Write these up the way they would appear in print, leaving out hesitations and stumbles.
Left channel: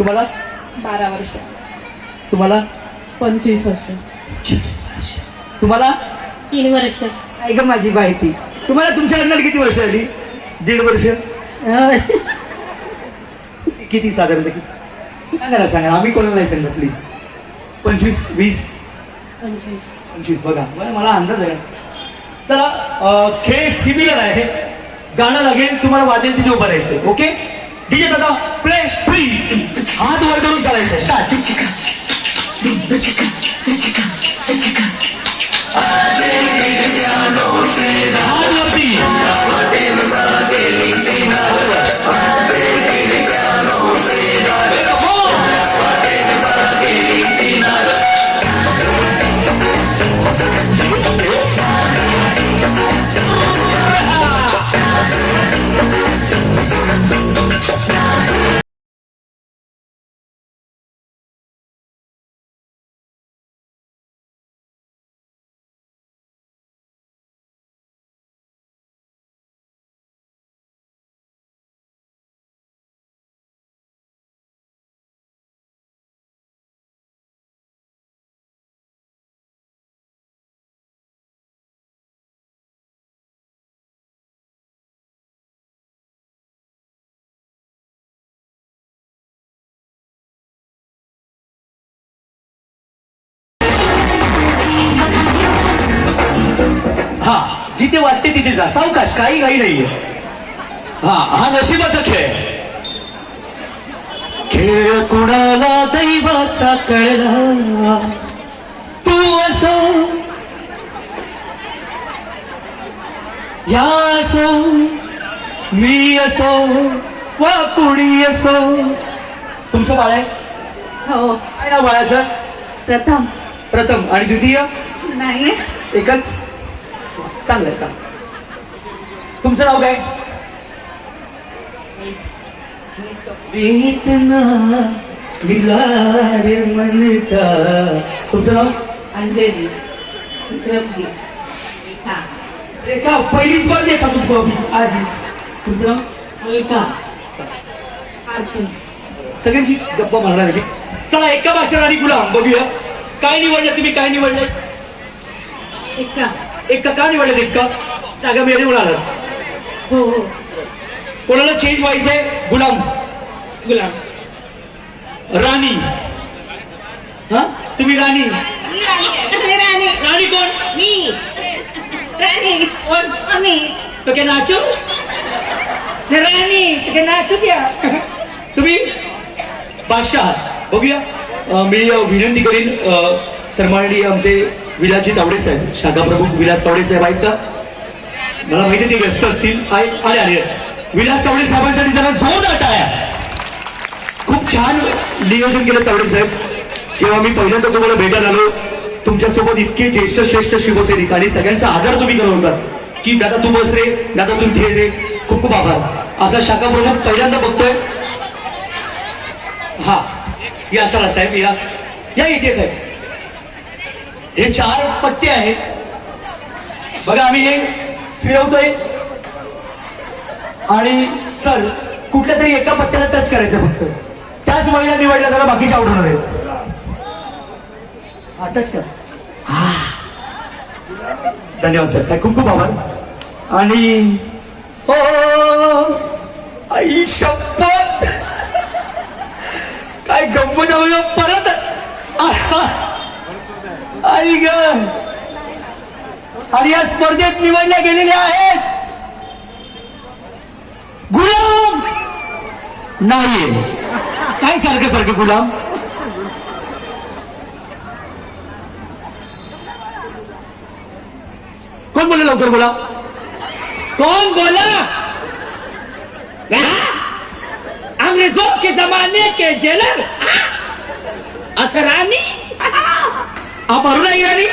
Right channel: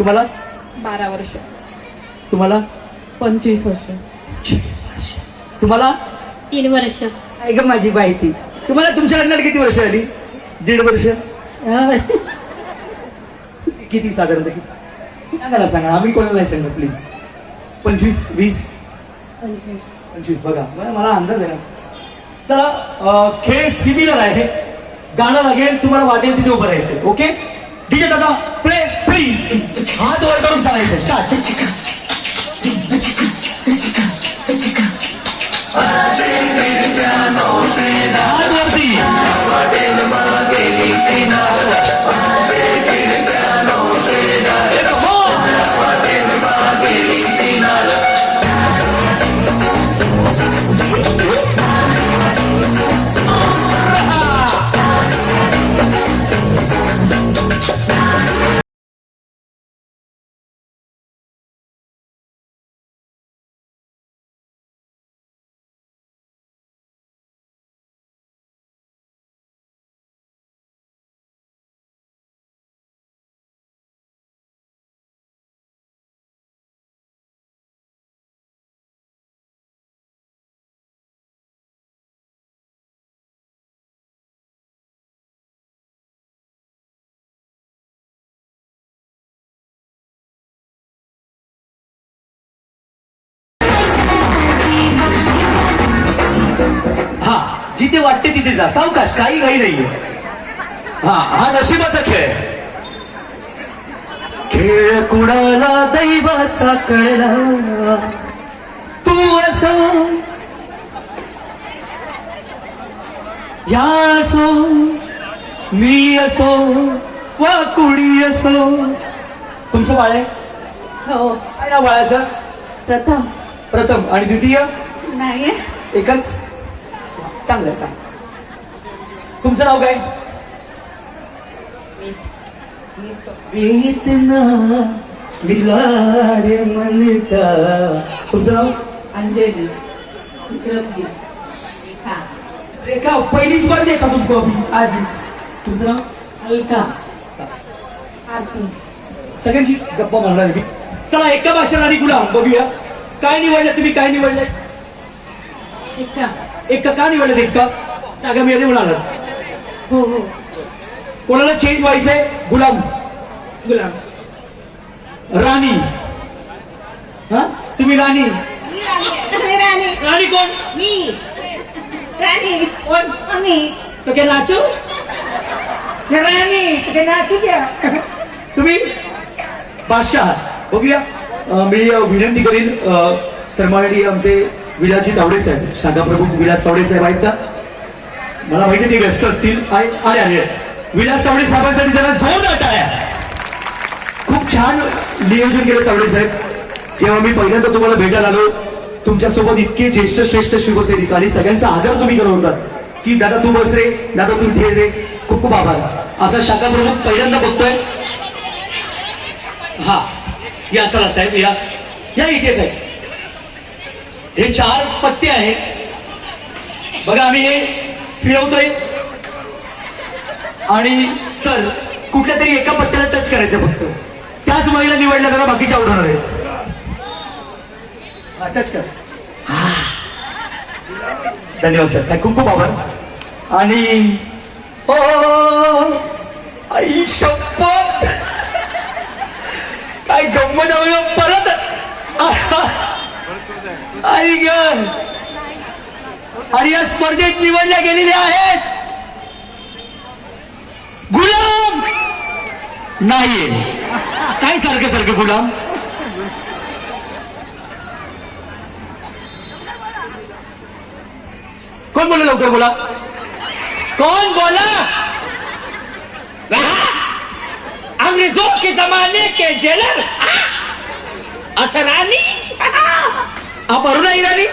तुम्हाला 12 वर्ष. तुम्हाला 25 वर्ष. 40 वर्ष. तुम्हाला 3 वर्ष. ऐका माझी माहिती. तुम्हाला तुमच्या लग्नाला किती वर्ष आली? 1.5 वर्ष. किती साधारण किती सांगा ना, सांगा. आम्ही कोणाला नाही सांगत प्लीज. 25 20 25 बघा मला अंदाज आहे. चला खेळ सिमिलर आहे. गाणं लागेल, तुम्हाला वाटेल तिथे उभं राहायचं. ओके डीजे दादा प्ले प्लीज. हात वर करून करायचं. हात वरती. जिथे वाटते तिथे जा. सावकाश, काही काही नाहीये. हा नशिबाचा खेळ. खेळ कुणाला दैवाचा कळला. तू असो या असो मी असो वा कुणी असो. तुमचं बाळ आहे? हो. काय नाव बाळाचं? प्रथम. प्रथम. आणि द्वितीय? नाही. एकच. चांगलं चांगलं. तुमचं नाव काय? वेदना दिला रे मन का. तुमचं नाव? अंजली. रेखा. पहिलीच बार देखा तुमको अभी आधीच. तुमचं नाव? अलका. सगळ्यांची गप्पा मारणार आहे. चला एका भाषेत आणि गुलाम बघूया. काय निवडलं तुम्ही? काय निवडलं? एका. का निवडलं एका? जागा मिळाली म्हणाला. हो हो. कोणाला चेंज व्हायचंय? गुलाम. गुलाम. राणी. हा तुम्ही राणी. राणी कोण? मी. राणी कोण? आम्ही. तो क्या नाचो? राणी तो क्या नाचू क्या? तुम्ही बादशाह. बघूया. मी विनंती करीन सरमाळी आमचे विलासजी तावडे साहेब, शाखा प्रमुख विलास तावडे साहेब आहेत का? मला माहिती ते व्यस्त असतील. आले विलास तावडे साहेबांसाठी जरा जोरदार टाळ्या. खूप छान नियोजन केलं तावडे साहेब. जेव्हा मी पहिल्यांदा तुम्हाला भेटायला आलो, तुमच्यासोबत इतके ज्येष्ठ श्रेष्ठ शिवसैनिक आणि सगळ्यांचा आदर तुम्ही करत होता की दादा तू बस रे, दादा तू इथे रे. खूप खूप आभार. असा शाखा प्रमुख पहिल्यांदा बघतोय. हा या चला साहेब या इथे साहेब. हे 4 पत्ते आहेत बघा. आम्ही हे फिरवतोय आणि सर कुठल्या तरी एका पत्त्याला टच करायचं फक्त. त्याच महिला निवडल्या जरा बाकीच्या आउट होणार आहेत. टच कर. धन्यवाद सर. खूप खूप आभार. आणि आई शपथ काय गंमत परत आई ग. आणि या स्पर्धेत निवडल्या गेलेल्या आहेत गुलाम. नाहीये काय सारखं सारखं गुलाम. कोण बोला? लवकर बोला. कौन बोला? अंग्रेजों के जमाने के जेलर असरानी. आप अरुणा ईरानी?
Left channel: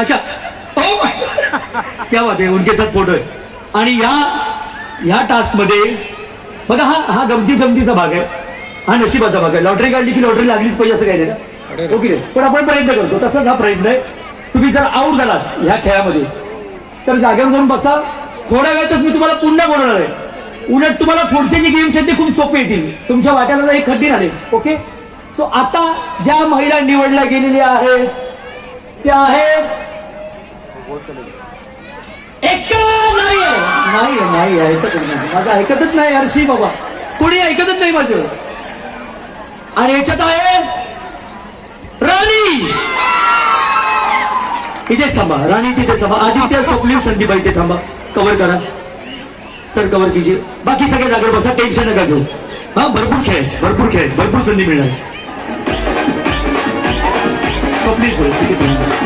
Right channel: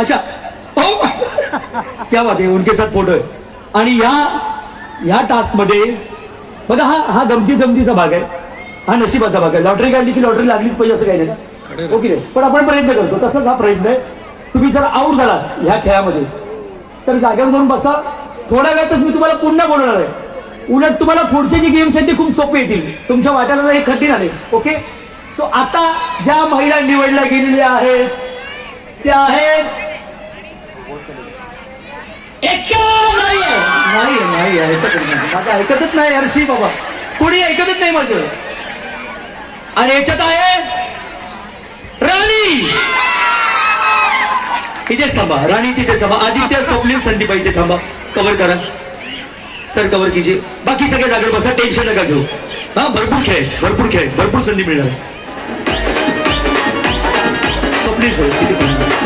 अच्छा. क्या बात आहे. उनके साथ फोटो आहे. आणि या टास्क मध्ये बघा हा गमतीचा भाग आहे. हा नशिबाचा भाग आहे. लॉटरी काढली की लॉटरी लागलीच पाहिजे असं काही नाही. ओके. पण आपण प्रयत्न करतो. तसंच हा प्रयत्न आहे. तुम्ही जर आऊट झालात ह्या खेळामध्ये तर जागेवर जाऊन बसा. थोड्या वेळातच मी तुम्हाला पुन्हा बोलवणार आहे. उलट तुम्हाला पुढचे जे गेम्स आहेत ते खूप सोपे येतील, तुमच्या वाट्याला जर एक कठीण आले. ओके, सो आता ज्या महिला निवडल्या गेलेल्या आहेत त्या आहेत नाही ऐकतच नाही माझं, ऐकतच नाही हर्षी बाबा, कोणी ऐकतच नाही माझं. आणि याच्यात आहे राणी. इथेच थांबा राणी, तिथे थांबा. आदित्य, स्वप्नील, संदीप इथे थांबा. कव्हर करा सर, कव्हर कीजिए. बाकी सगळे जागेवर बसा, टेन्शन नका घेऊ. हा, भरपूर खेळ, भरपूर संधी मिळणार. स्वप्नील सर तिथे थांबा.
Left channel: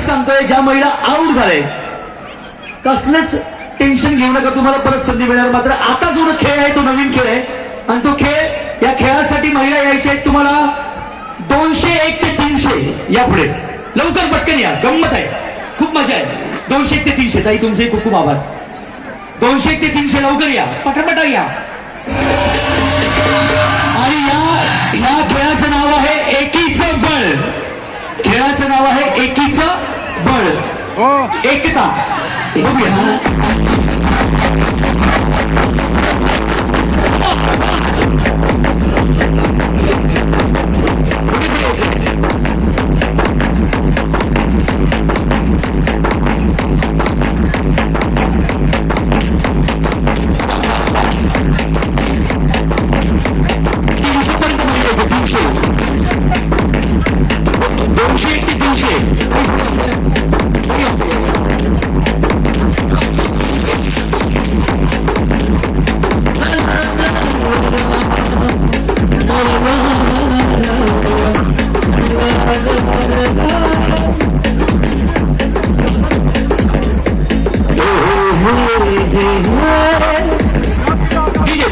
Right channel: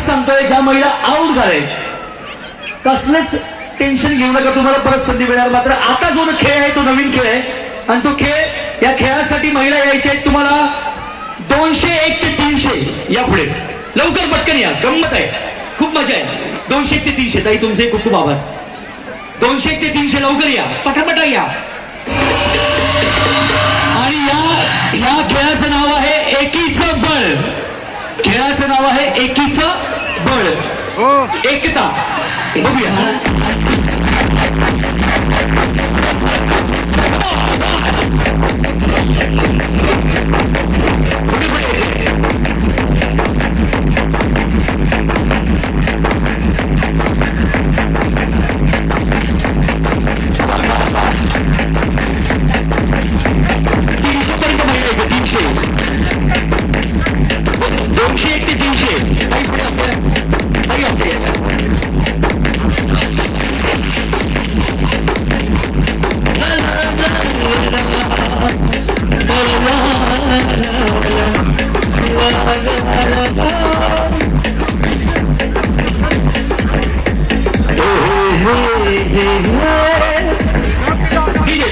सांगतोय, ज्या महिला आउट झाले कसलंच टेन्शन घेऊ नका, तुम्हाला परत संधी मिळणार. मात्र आता जो खेळ आहे तो नवीन खेळ आहे आणि तो खेळ, या खेळासाठी महिला यायच्या आहेत तुम्हाला 201 ते 300 या पुढे. लवकर पटकन या, गंमत आहे, खूप मजा आहे. 201 ते 300 ताई तुमचे खूप खूप आभार. 201 ते 300 लवकर या, पटापटा या. आणि या खेळाचं नाव आहे एकीचं बळ. खेळाचं नाव आहे एकीचं बळ, एकता. बघूया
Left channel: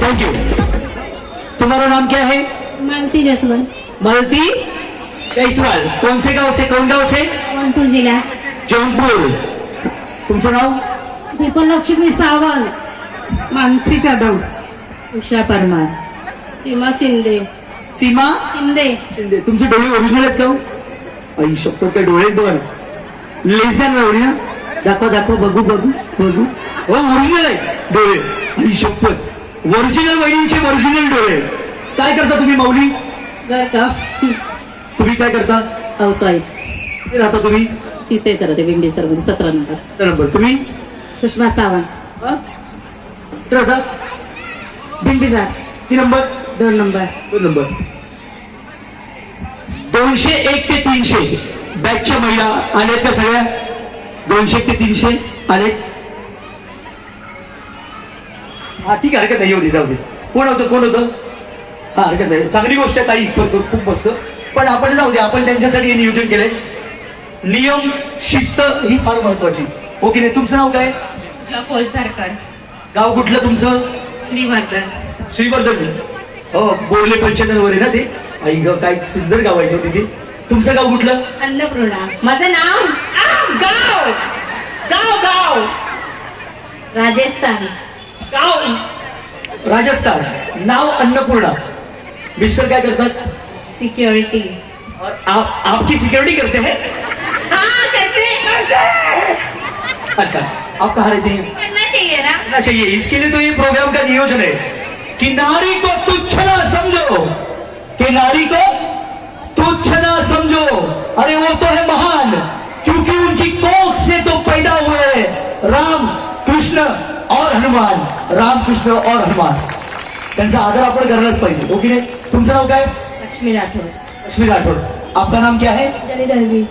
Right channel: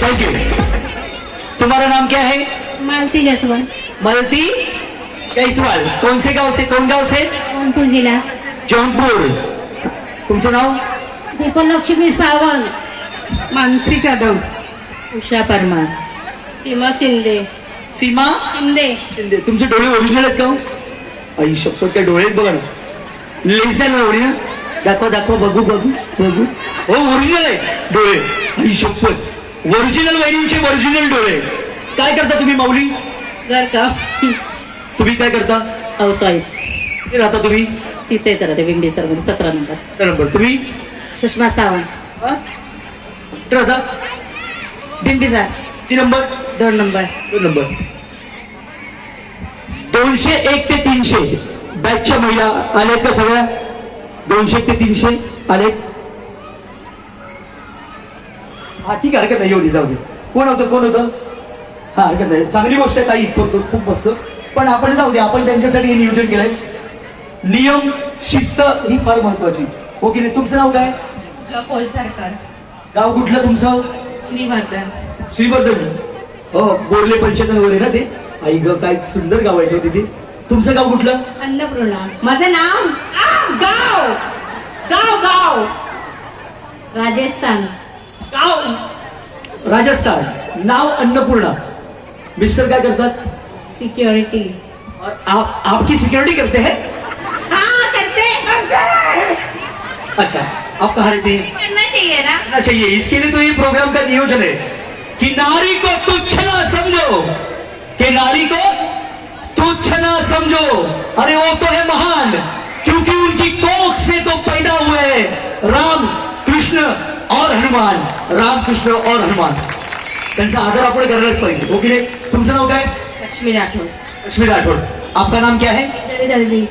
थैंक यू. तुम्हारा नाम क्या है? मालती जायसवाल. मालती जायसवाल. कौन से गांव से? कौन गांव से? जौनपुर जिला. जौनपुर. तुमचं नाव? दीपलक्ष्मी सावंत. मानसी कदम. उषा परमार. सीमा शिंदे. सीमा शिंदे. तुमचे डोळे ओरिजिनल आहेत का? आई शकतो त्या डोळे बघा ना, लेस द्या ना ओरिजिनल. दाखवा बघू. हो, ओरिजिनल आहेत डोळे. आई शपथ, ओरिजिनल वैरींचे ओरिजिनल डोळे. काय करता तुम्ही माऊली? घर का तुम्ही काय करता? हाऊसवाईफ. कुठे राहता तुम्ही? तिथे करते विंडी मध्ये 17 नंबर. नंबर. तुम्ही? सुषमा सावंत. कुठे राहता? दिंडीचा. किती नंबर? 2 नंबर. 2 नंबर. 201 ते 300 बॅचच्या महिला आल्यात का सगळ्या? 201 ते 300 आलेत. हा, ठीक आहे, हरकत नाही, येऊ दे, जाऊ दे. कोण होतं? हा, हरकत नाही, चांगली गोष्ट आहे ताई, खूप मस्त. पण आपण जाऊ दे, आपण त्यांच्यासाठी हे नियोजन केलंय. नियम, शिस्त ही फार महत्वाची. ओके नाही? तुमचं नाव काय? कोलसारकर. गाव कुठलं तुमचं? श्रीवर्धन. श्रीवर्धन. हो, बोरले पंचनवर आहे ना ते. आई ग, काय सुंदर गाव आहे तिथे. तुमचं गाव कुठलं? अन्नपूर्णा. माझं नाव गाव. राजस्थान. राजस्थान. नाव अन्नपूर्णा. मिस्टर काय करतात? सिक्योरिटी. आपकी सिक्योरिटी करते हैं? हाँ करते. अच्छा, आप कहाँ रहते हैं? करना चाहिए ना. करना चाहिए. इसके लिए तो ये प्रोग्राम का नियोजन है कि नारी को तुच्छ ना समझो, कि नारी को तुच्छ ना समझो. अरे वो तो है महान, क्योंकि उनकी कोख से तो पैदा हुए राम, कृष्ण और हनुमान. राम, कृष्ण और हनुमान. त्यांचा आदर आपण करणारच पाहिजे. ओके नाही? तुमचं नाव काय? लक्ष्मी राठोड. लक्ष्मी राठोड. आपका नाम क्या है? दळवी.